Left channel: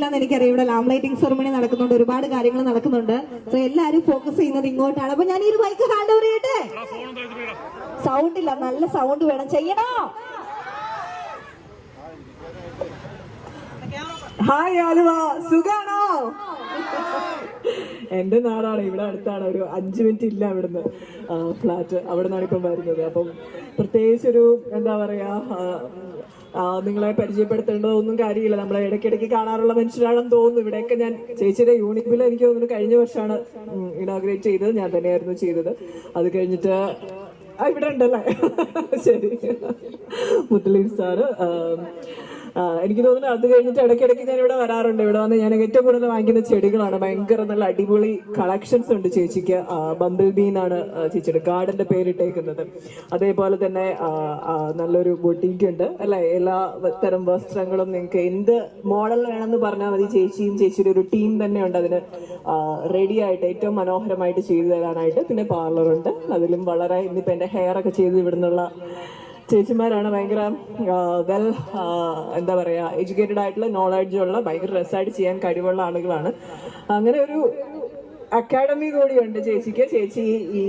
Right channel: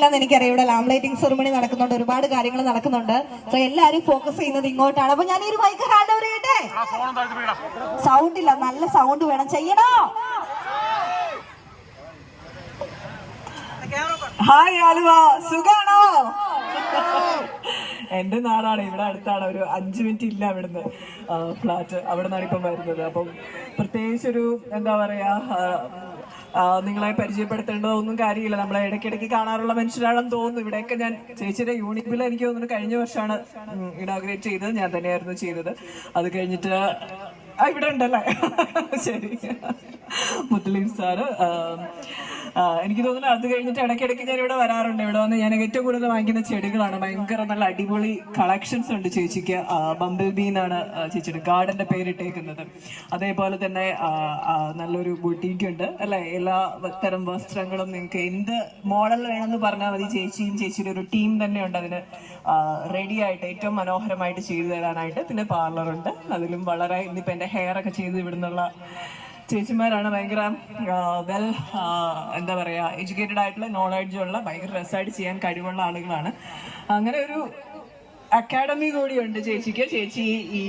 കാണുന്നില്ല എന്ന് എനിക്കറിയാം. ഇവിടെ ലാം ലൈറ്റിംഗ് സെറമണി നടക്കുന്നുണ്ട് ഒരുപാട് കാര്യങ്ങൾ നടക്കുന്നുണ്ട്. സോ എല്ലാവരും ഫോക്കസ് ചെയ്യുന്നത് ഇങ്ങോട്ടാണ്. അപ്പൊ ഞാൻ ഈ ഒരു ബൈക്ക് ഹാൻഡ് ഓവർ ചെയ്യട്ടെ? സൗണ്ട് ഇല്ല നല്ല സൗണ്ട് വേണം. ചെയ്യണോ? ഹായ് ആലുവ. സുഖാണോ? എന്റെ നാടാണ് ഇവിടെ അടുത്താണ്. ഒരു അഞ്ച് മിനിറ്റ് ഇല്ല അവിടുന്ന് ഫ്ലാറ്റ് അവിടെ നിന്നാണ് ഇപ്പം വരുന്നത്. അപ്പം പ്രത്യേകിച്ചൊരു എന്താ പറയാ നിങ്ങളെ പരിചയപ്പെടുത്തേണ്ടോ ഒന്നും കാര്യമില്ല. നമ്മളെ ഇടയ്ക്കിടയ്ക്ക് കാണാറുള്ള മനുഷ്യരാണെന്ന് തോന്നുന്നു. ഇവിടെയൊക്കെ ഞാൻ ചേച്ചിയുടെ യൂണിറ്റ് ബിൽ എനിക്ക് തോന്നുന്നു കഴിഞ്ഞ വർഷമാണ് ഇനോഗ്രേറ്റ് ചെയ്തത്. ഞാൻ തന്നെയായിരുന്നു ചെയ്തത്. അത് കഴിഞ്ഞിട്ട് ഇവിടെ ഉണ്ടല്ലേ? ശരി. മുത്തലീം സാറ് എനിക്ക് തോന്നുന്നു അത് കഴിഞ്ഞിട്ട് ഇടയ്ക്കിടയ്ക്ക് ഞാൻ ഇവിടെ വരാറുണ്ട്. ഇവിടെ വന്ന് ഞാൻ ഏറ്റവും കൂടുതൽ വാങ്ങിക്കുന്ന ചെടികളാണ്. ഭയങ്കര നല്ല അടിപൊളി കളക്ഷൻസ് ഉണ്ട് ചേച്ചിക്ക്. ബമ്പിൾ ബീന്നാണ് ചേച്ചിയുടെ ഗാർഡന്റെ പേരിട്ടേക്കുന്നത്. അതേപോലെ തന്നെ നല്ലൊരു ബൊട്ടീക്ക് ഉണ്ട്. അല്ലെ? എല്ലാ തരം വസ്ത്രങ്ങളും നിങ്ങൾക്ക് എന്ത് മോഡൽ വേണമെന്ന് പറഞ്ഞാൽ മതി. ചേച്ചിയും ചേച്ചിയുടെ ഒരു ടീം തന്നെ ഉണ്ട്. അതിന് റെഡി ആയിട്ട് ഏറ്റവും മനോഹരമായിട്ട് ചെയ്തു തരാനായിട്ട് പിന്നെ പാർലറുണ്ട് അതിലും വളരെ ഇന്നിപ്പോ എന്റെ ഹെയർ ഒക്കെ ചെയ്ത് ഇവിടുന്നുള്ള ചേച്ചിമാരാണ് ഭയങ്കര വെൽ എന്താ പറയുക എഡ്യൂക്കേറ്റഡ് ആയിട്ടുള്ള നോളജ് ഉള്ള ഭയങ്കര രസമായിട്ട് ചെയ്യാൻ കഴിവുള്ള ആളുകളാണ്. അങ്ങനെ ഒരു അക്കാഡമി കൂടിയുണ്ട് ചേച്ചിക്ക്. ചേച്ചി ഈ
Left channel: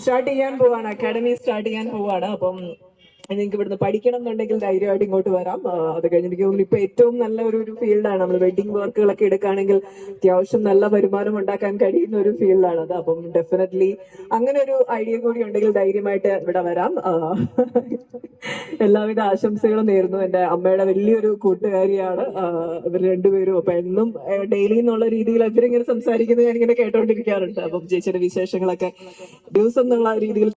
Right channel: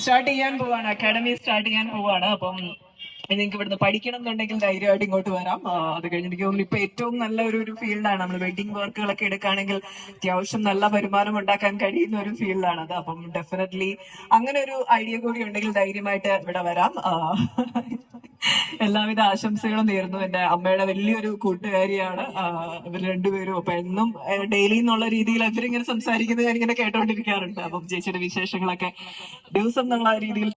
സ്റ്റാർട്ട് ചെയ്യാൻ പോവാണ്. അക്കാഡമി സ്റ്റാർട്ട് ചെയ്യാൻ പോവാണ്. അപ്പം നിങ്ങൾക്ക് ഇവിടുന്ന് പഠിക്കണം എന്നുണ്ടെങ്കിൽ ധൈര്യമായിട്ട് ഇങ്ങോട്ട് വരാം. അത് കഴിഞ്ഞ് എനിക്ക് തോന്നുന്നു ഇപ്പൊ ഏറ്റവും നല്ല ഒരു ഒരു ഫീൽഡാണ്. നമ്മൾ വെഡിങ് വർക്കുകളൊക്കെ എടുക്കുകയാണെങ്കിൽ അത്യാവശ്യം നല്ല വരുമാനം ഉണ്ടാക്കാൻ കഴിയുന്ന ഒരു ഫീൽഡാണ് അത്. അപ്പം ഡെഫിനറ്റ്ലി അങ്ങനെ ഒരു ഐഡിയ കൂടി ഉണ്ടെങ്കിൽ ധൈര്യമായിട്ട് ഇവിടെ വരാം. എല്ലാവിധ ആശംസകളും നേരുന്നു. എന്റെ അമ്മയുടെ വലിയൊരു കൂട്ടുകാരിയാണ്. ഇവർ രണ്ടുപേരും. അപ്പൊ എന്നും ഡെയിലി എന്നുള്ള രീതിയിൽ ഇവരിങ്ങനെ സംസാരിക്കുന്നത് ഞാൻ ഇങ്ങനെ കേട്ടോണ്ടിരിക്കാറുണ്ട്. അപ്പം ചേച്ചിയുടെ വിശേഷങ്ങളൊക്കെ ദിവസം എന്നുള്ള രീതിയിൽ